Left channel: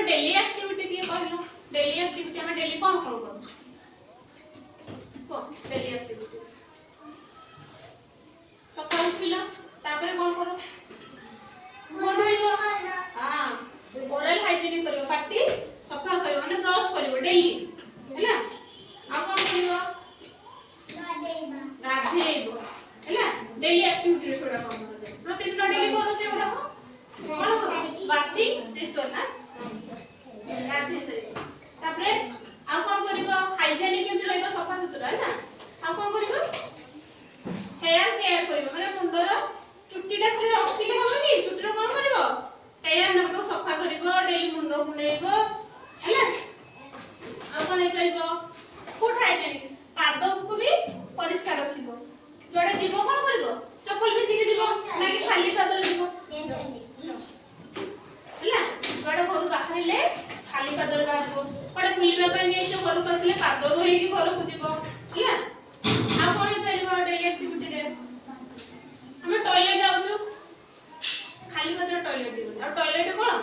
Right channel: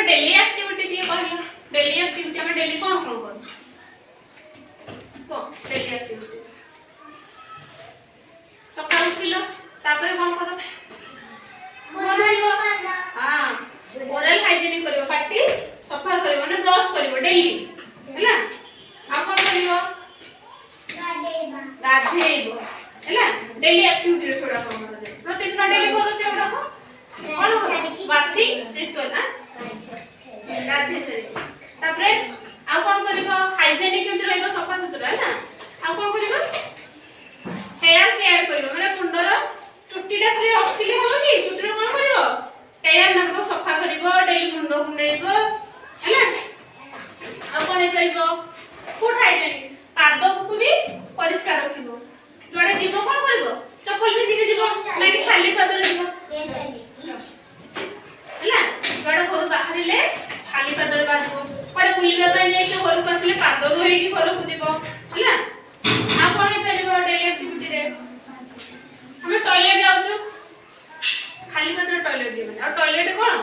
तमर daily activity दिए कहलो डेली एक्टिविटी हम डेली कोन कोन करू को डेली एक्टिविटी सकाळ उठिलो तापर कोन करो हां ओरल हाइजीनिक करियो पाटी सफा करियो माने ब्रश करियो डेली हैला आ कोन करियो गाधेइबो हैला डेली एक्टिविटी रे छोड़ा कोन प्रतिदिन डेली करो से उडा को कोन बाथिंग देखो ना गाधे से तापरे आ कोन करिवो हाइजीनिक केमति रहइबो सफा सुतरा हैला आ कोन करिवो हेयर केयर करिवो माने मुंडर चुट्टीटा खाली रखिले हो कि चुट्टीरे कोन करिवो हेयर नको सफा करिवो डेली मुंडो कुंडेइबो हैला आ कोन करिवो फुट हाइजीनिक पाद को भी परिष्कार रखिबो जोडे जीवो कोन करिवो चप्पल पिंदी के जीवो नाकि खाली पाद रे जीवो हैला जोडे घर बाहरिले खाली पाद रे बाजबो पडे बुलिबा पय जे के घर को आसिले पाद धोई के घर को जीवो हैला आ कोन करिवो डेली एक्टिविटी रे हम टॉयलेट जाउछु खाली पाद रे टॉयलेट जीवो और टॉयलेट कोन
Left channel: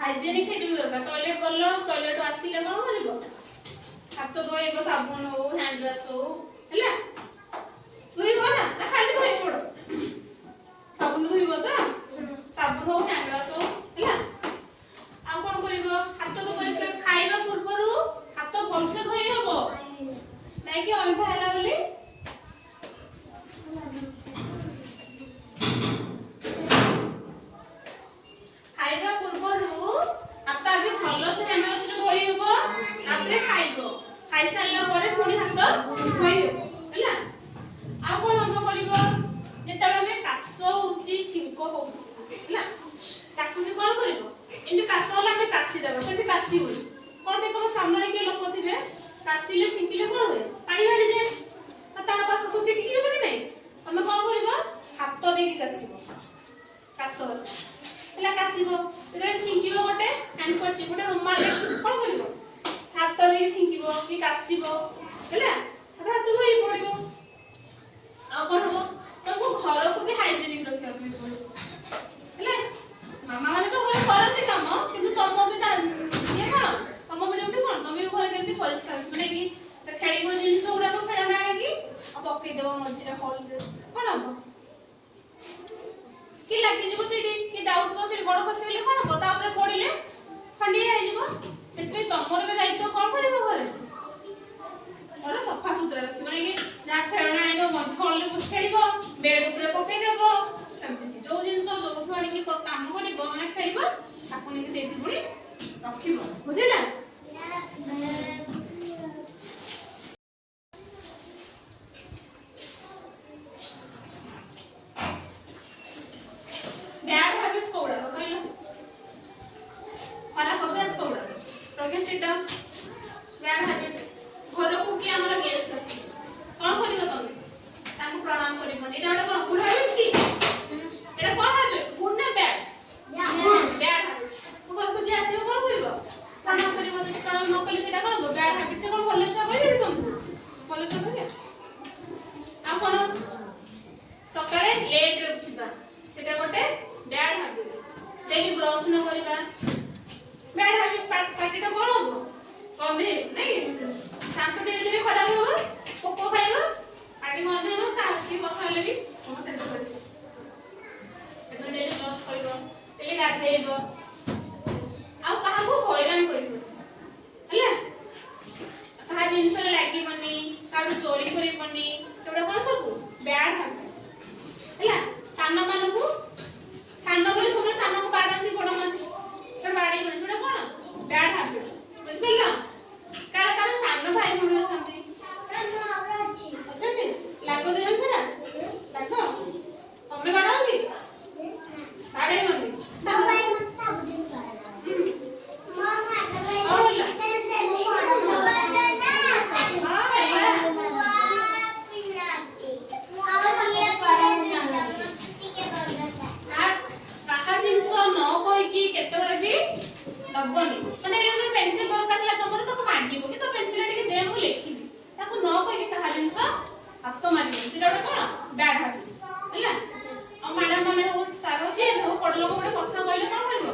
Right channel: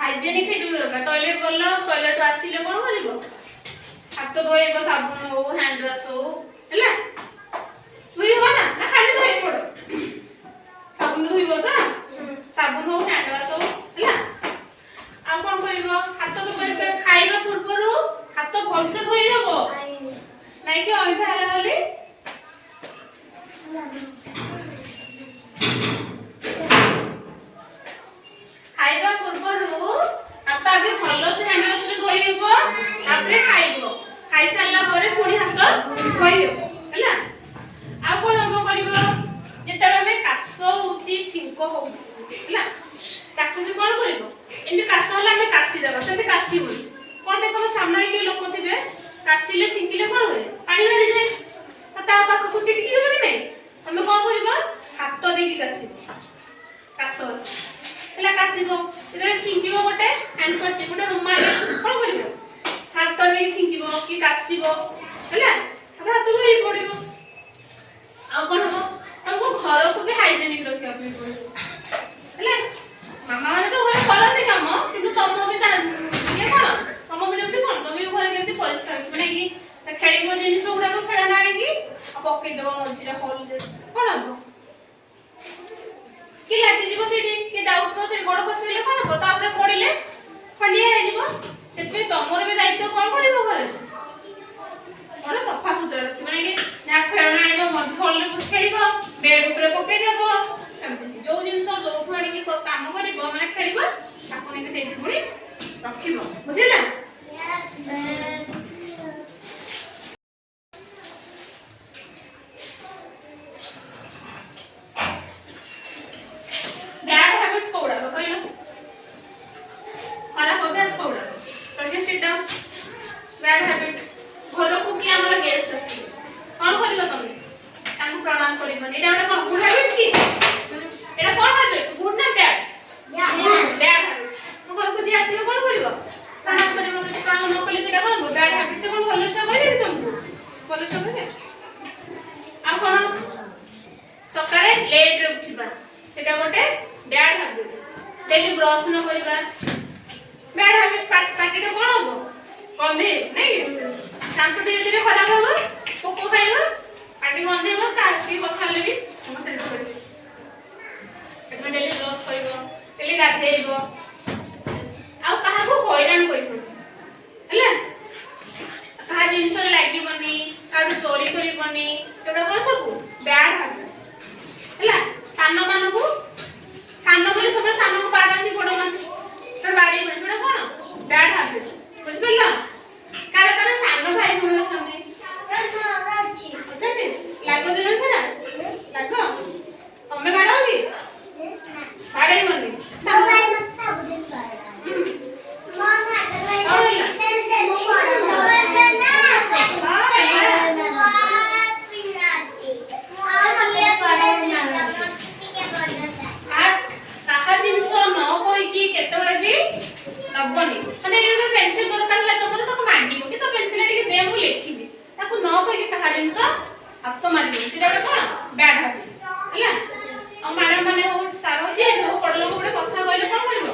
हाइजीनिक सेट भी दरकार टॉयलेट गल्लो टॉयलेट आसिले कोन करिवो हाथ धोइबो साबुन हो हैंड वॉश हो हैला धोइबो ना खाली धोइ पड़ो साबुन धोइबो त साबुन हो हैंड वॉश हो हैला आ कोन करिवो हाथ को परिष्कार खाइबा पूर्वरु हाथ भलसे धोइ हबो नै कि अइठा हला बोली खाइबा पूर्वरु हाथ आगे भलसे हैंड वॉश रे धोइ हबो आपरे खाइबो खाइ सारला परे पुनी हाथ धोइ हबो हैला आ कोन हम करिवो जेतबे में कास होउची छिंको होउची हैला ताकू भी कोन करिवो एंडी कास होला में कासी देबा सेते कासी होई कोन पे कोन सामने रे के लोक थिबे कासीले छिंकिले कोन होय पानी बारी जाय ता पाख को चिटकी होबे कि नै हम कोन करिवो हाथ देकी कासीबो कास हैला कासीबो रे छिंकिबो गोटे हैंड करची गोटे रुमाल कोन करिवो हाथ रे छिंकिबो कि कासीबो हैला अब हाथ धोइ पड़िबो आ कोन हो हमको घर को भी हाइजीनिक रखिया पड़िबो हैला मामा माने तो घर करते काम किंतु तुम भी ये कोन तुम भी कोन तुम भी घर केमति परिष्कार माने कि खेळिबो जिनिस गुडा को खेळना आनी आ पॉकेट देबो मझिरे होल दे कोन हो कि लागी जीवो सेठी कि जाउथबो से गोड़ खसिले कोन हो तापरे पडिले खंडिया हे जीवो सेठे तमर भी दायित्व कोन करिवो घरे और सफा सुतरा रखि माने कि ना खेळना आनिबो मझ होल ले बस खेळिबो बेड ऊपर पके देबो सेमति जो जिंस जो फुआडी की काम करिवो माने खेळिबो ताको ने सेठी पुणी रखिबो बुझिला यस मैम बैड हैबिट्स कोडा तो कहलो खराब अभ्यास कोडा project sit down bad habits घर को कि हमर गेस्ट आसी कोन करिवो तमे तांको प्रणाम करिवो एटा ओटा कोन गुड हैबिट्स की एटा कोन हैबिट्स गुड ना बैड बैड हैबिट्स तो घर को जे आसीबो कोन करिवो प्रणाम करिवो प्रणाम न कले सेटा कोन बैड हैबिट्स से कोन भलो से कहबे तुमको भलो से कहबे आ कोन सकाळे लेट रे उठिबा सेटा गोटे बैड हैबिट्स डेली ब्रश न करिबा बैड हैबिट्स पार्टीटा कोन होबो गंधे नै तांको धीरे धीरे खराब होबो पोको खाइबो पार्टी गंधे होबो काटी बखाले भी हम से करबे एतो डेली ब्रश करिवो डेली गाधेइबो आ कहा को हैरान करिवो हैला कहा जिंस रे लागिबनी काडू चोरी करिबनी एटा कोन सब बैड हैबिट्स हैला सानो मानु को सानो बोले सब सानो को बाडंती कोड मान तो बाडी बन छोड़ा कोन बैड हैबिट्स बुझ पड़ला कारे कारे सानो भाई भूणी अछंती अछंती लागो दे छना लागो तमे बाडो की बाडे मनी सब भाई मत सब दिन बाडा मां भाई होला केते बडे भी नबनी माने ये पेंसिल दरकार ले तो तो मांगीबो कि तो पेंसिल टिके दे मु लिखिबी ताको न कहि के कहा जिंस हाथ तो मारिबो सिटा कोन बैड हैबिट्स हैला आ मैडम माने हो सारो जे हो पडलो गोटे कथा कहले कोन करबो